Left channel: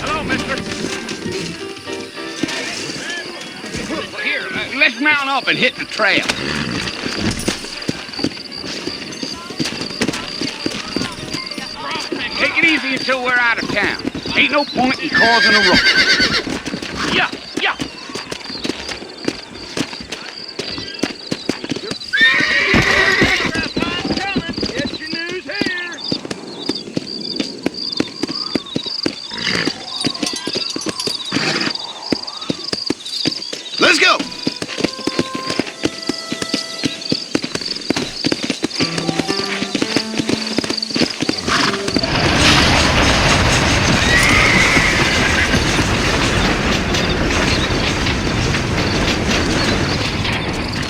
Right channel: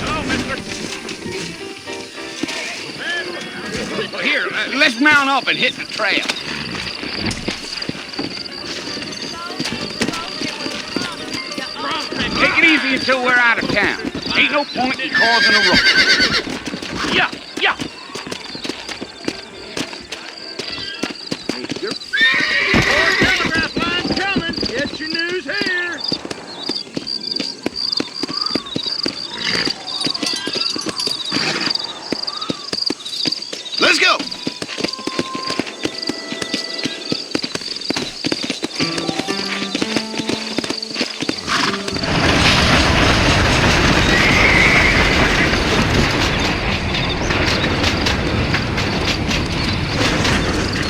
Hello, mister. Well, here, let's mount up and hit the trail. Take it easy until we're out of town. Ain't no point in causing a ruckus. Yeah, yeah. Let's go!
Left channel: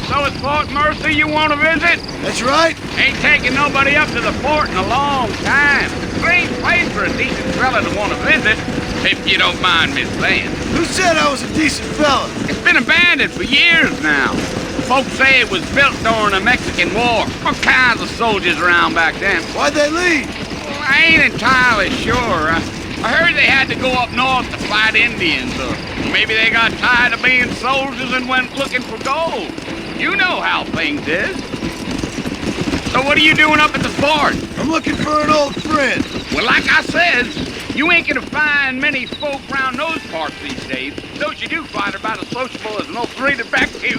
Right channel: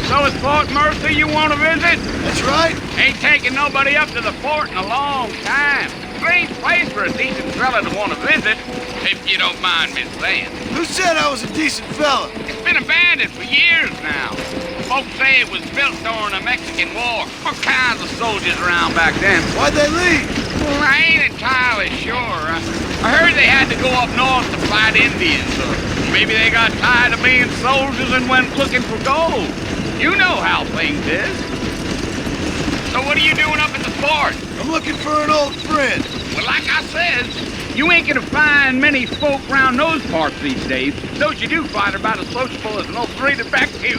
So it's Fort Mercy you want to visit? That's right. Ain't taking nobody up to the fort in a long time. Strange place for a decent fella to want to visit, if you don't mind me saying. Who said I was a decent fella? It's been abandoned for years now. Folks say it was built during the Mexican War. All kinds of soldiers around back then. Why'd they leave? Well, I ain't entirely sure. I heard they had to go up north to fight Indians, or maybe they got tired of being soldiers and went looking for gold. You know how things is. So what are you doing up at the fort? I'm looking for an old friend. Well, like I says, you ain't gonna find many folk around those parts these days. Those you do find are about as sociable as an old three-to back to.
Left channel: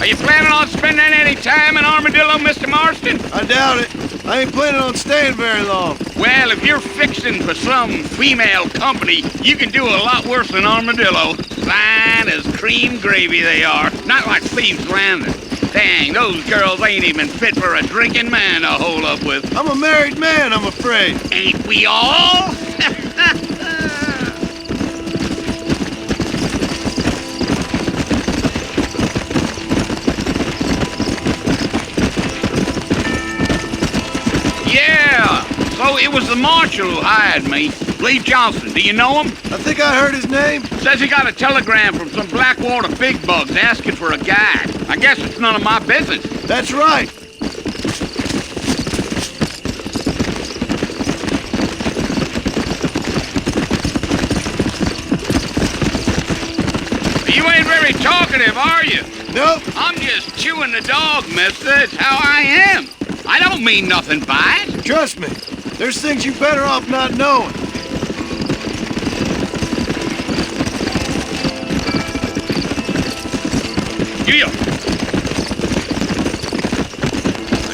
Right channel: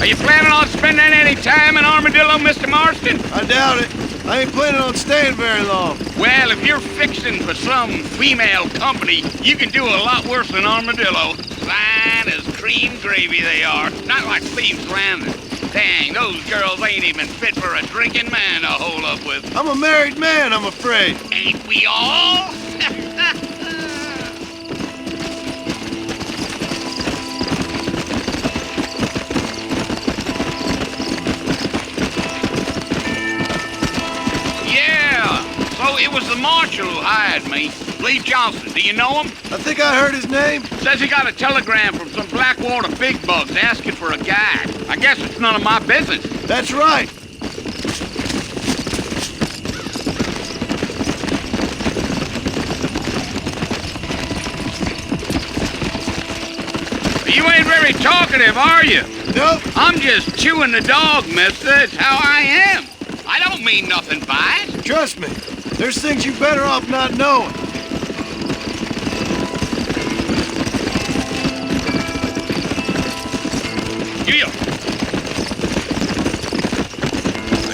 Are you planning on spending any time in Armadillo, Mr. Marston? I doubt it. I ain't planning on staying very long. Well, if you're fixing for some female company, you can do a lot worse than Armadillo. Fine as cream gravy they are. Not like Thieves Landing. Dang, those girls ain't even fit for a drinking man to hold up with. I'm a married man, I'm afraid. Ain't we all? Yeah, so it was the marshal who hired me. Lee Johnson, do you know him? I think I heard his name. Says he got a telegram from some Blackwater big bugs asking for a guide. I guess it's none of my business. That's right. You ain't very talkative, are you? Nope. I'm just chewing the dog, mister. It's how I am. I don't mean nothing by it. Trust me. There's things you better off not knowing.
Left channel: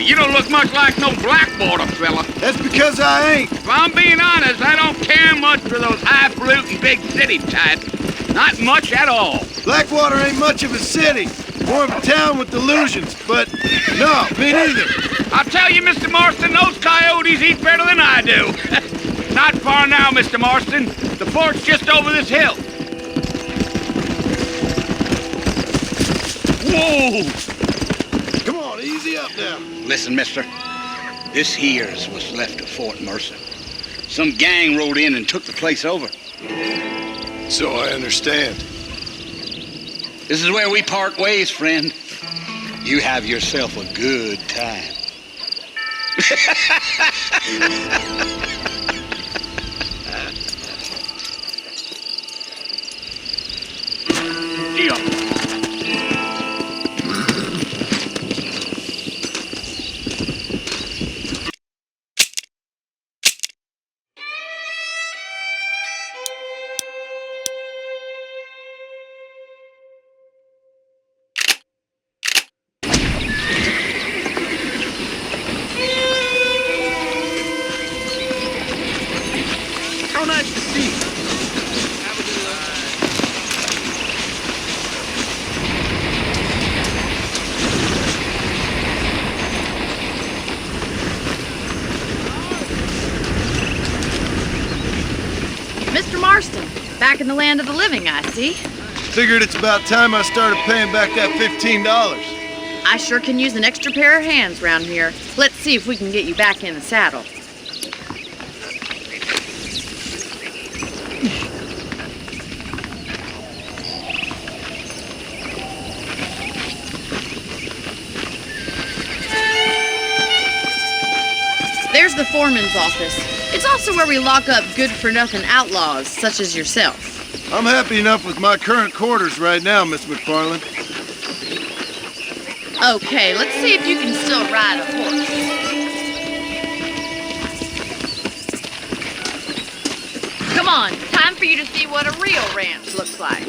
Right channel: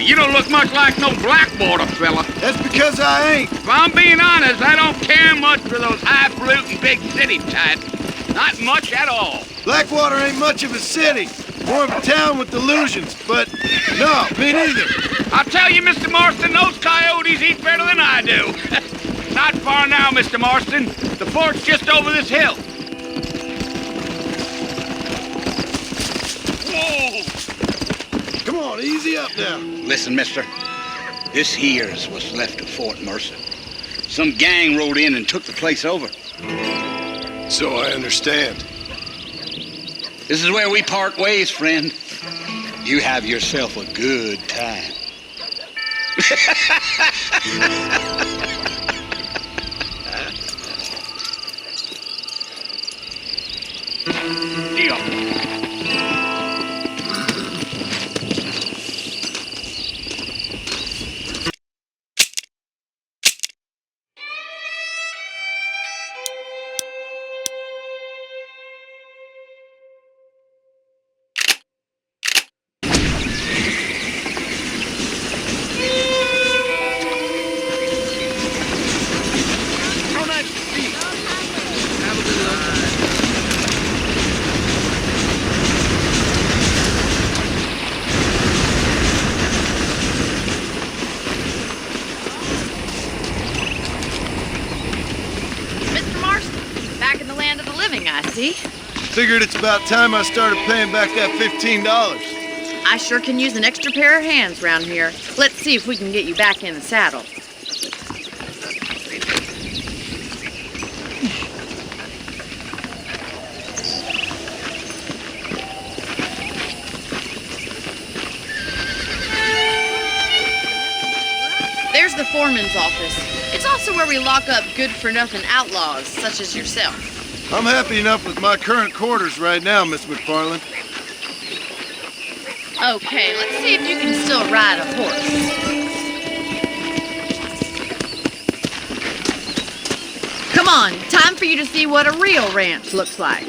You don't look much like no Blackwater fella. That's because I ain't. If I'm being honest, I don't care much for those highfalutin big city types. Not much at all. Blackwater ain't much of a city. More of a town with delusions, but no, me neither. I'll tell you, Mr. Marston, those coyotes eat better than I do. Not far now, Mr. Marston. The fort's just over this hill. Whoa! Come on, easy up now. Listen, mister. This here's what's left of Fort Mercer. Some gang rode in and took the place over. So I understand. This is where we part ways, friend. You have yourself a good time. Mr. Marston, back in the land of the living, I see. Figured it's about time I started paying back that $15. I sure can use an extra pair of hands round here. Let's see if we can get you back in the saddle. Here's the foreman's office. It's also where we lock up good-for-nothing outlaws, such as yourself. I'm happy enough with my current quarters right now, Miss McFarland. Okay, let's see if you can still ride a horse. Come on, time for you to see what a real ranch looks like.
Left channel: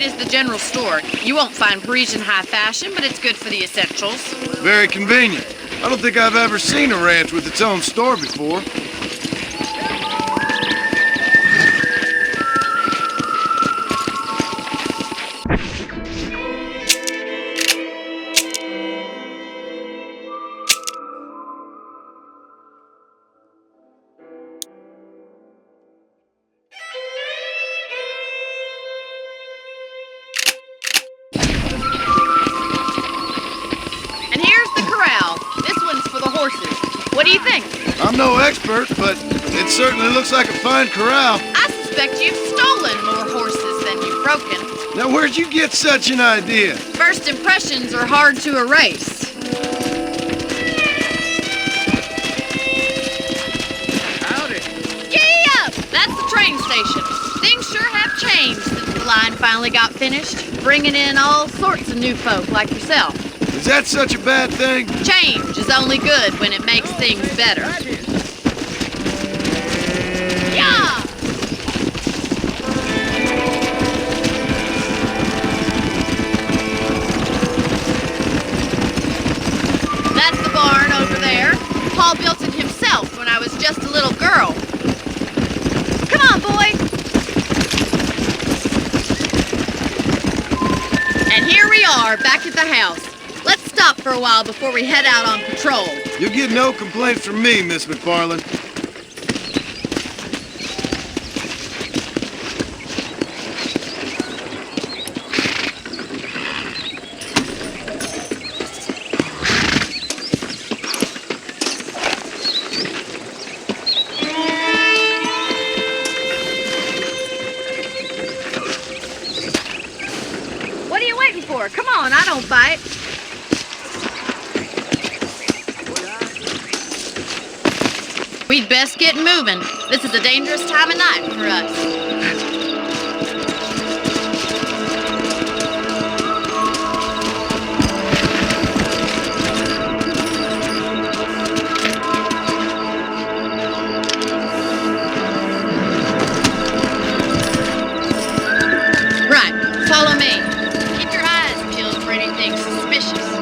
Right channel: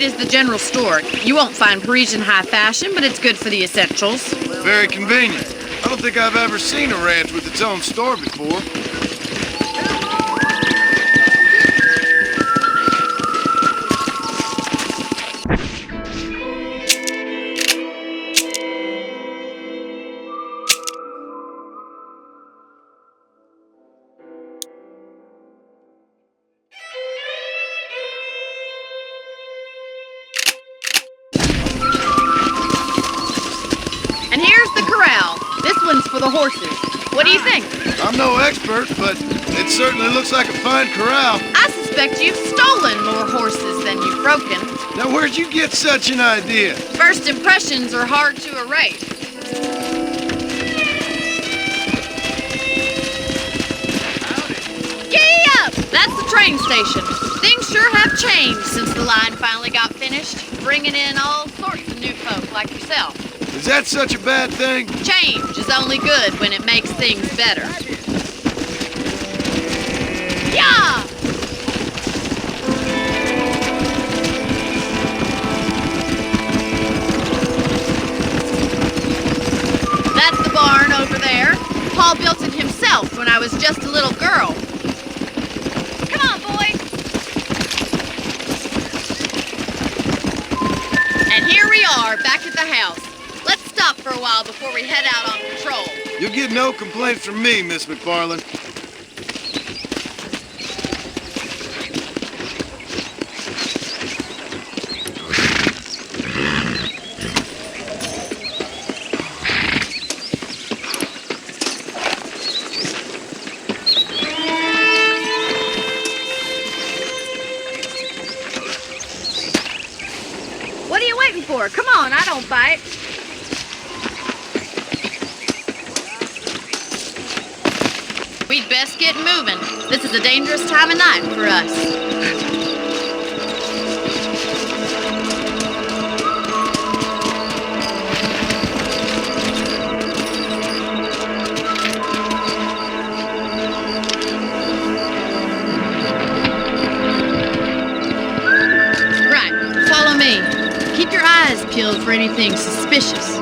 Is the general store. You won't find Parisian high fashion, but it's good for the essentials. Very convenient. I don't think I've ever seen a ranch with its own store before. And here's the corral. This one's for the horses. What do you think? I'm no expert, but it certainly looks like a fine corral. I suspect you've stolen more horses than you've broken. Now, where'd you get such an idea? First impressions are hard to erase. Howdy. Giddy up! That's the train station. Things sure have changed since the line finally got finished, bringing in all sorts of new folk like yourself. Is that such a bad thing? Change is only good when it makes things better. Yeah! That's the barn over there. Paul built it himself when I was just a little girl. Come on, boy. And here we are, back at the house. Let's stop for a while before we head out on patrol. You'll get no complaints from me, Miss McFarland. What are you waiting for? Come on, I don't fight. We'd best get moving. This is a dangerous time of night for us. Right, follow me. Keep your eyes peeled for anything suspicious.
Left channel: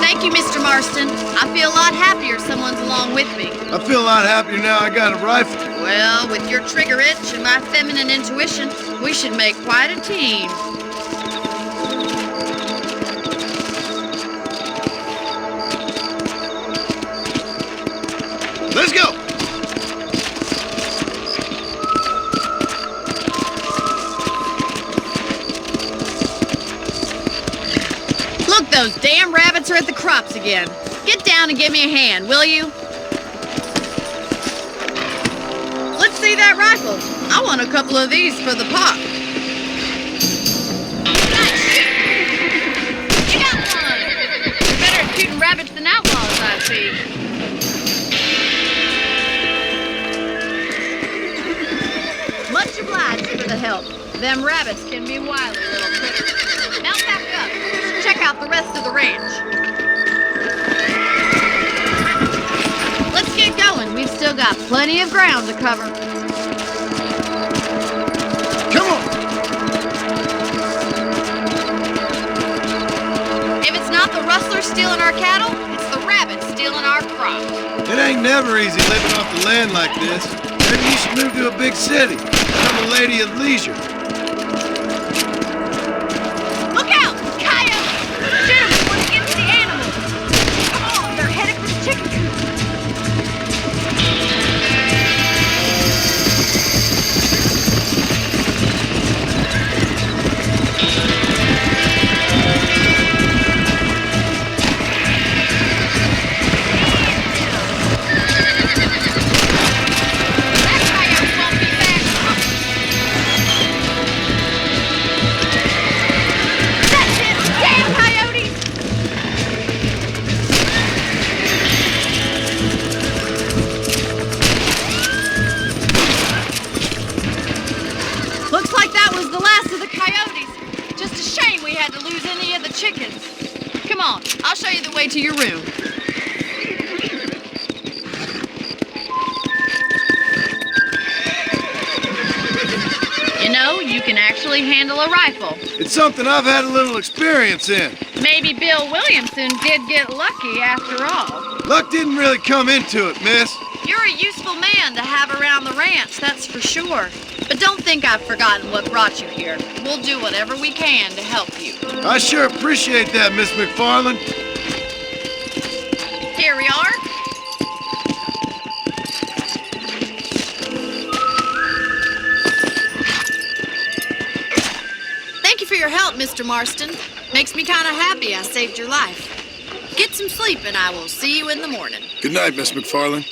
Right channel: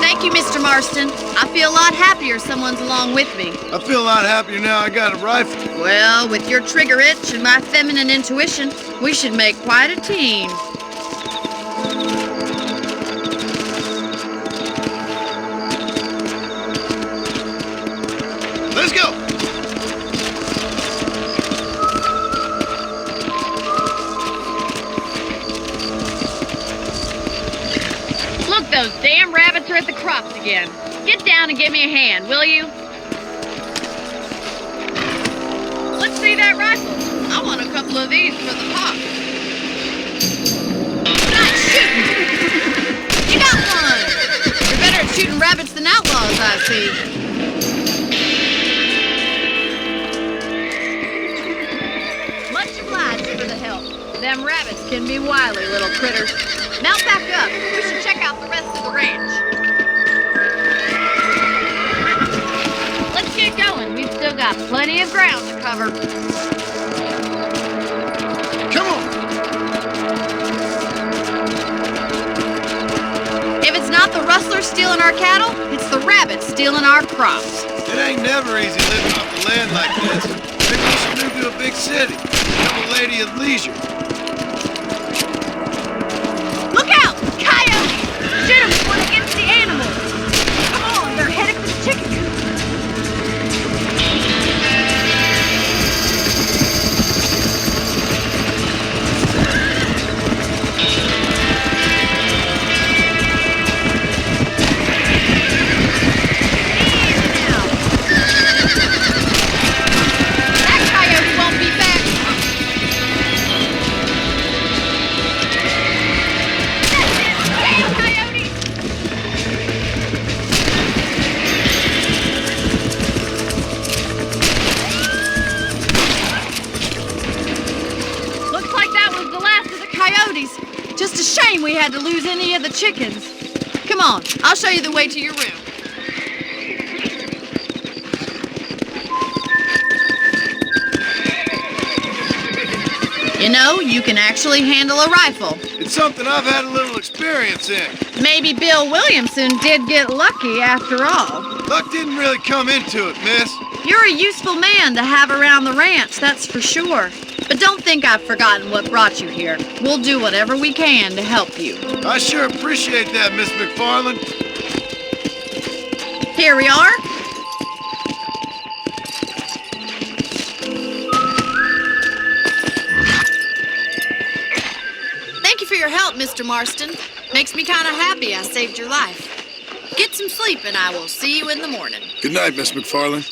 Thank you, Mr. Marston. I feel a lot happier someone's along with me. I feel a lot happier now I got a rifle. Well, with your trigger itch and my feminine intuition, we should make quite a team. Let's go! Look, those damn rabbits are at the crops again. Get down and give me a hand, will you? Let's see that rifle. I want a couple of these for the pop. Nice shooting! You got one! Better at shooting rabbits than outlaws, I see. Much obliged for the help. Them rabbits can be wily little critters. Mount back up. We should check out the rest of the ranch. Let's get going. We've still got plenty of ground to cover. Come on! If it's not the rustlers stealing our cattle, it's the rabbits stealing our crops. It ain't never easy living off the land like this. Maybe you should move to a big city. Become a lady of leisure. Look out! Coyotes! Shoot them before they get to the animals. Come on, they're headed for the chicken coop. chickens. Come on, I'll show you the way to your room. You know, you can actually handle a rifle. It's something I've had a little experience in. Maybe Bill Williamson did get lucky after all. Luck didn't really come into it, miss. You're a useful man to have around the ranch, that's for sure. But don't think I've forgotten what brought you here. We'll do whatever we can to help you. I sure appreciate that, Miss McFarland. Here we are. Thank you for your help, Mr. Marston. Makes me kind of happy I saved your life. Get some sleep and I will see you in the morning. Good night, Miss McFarland.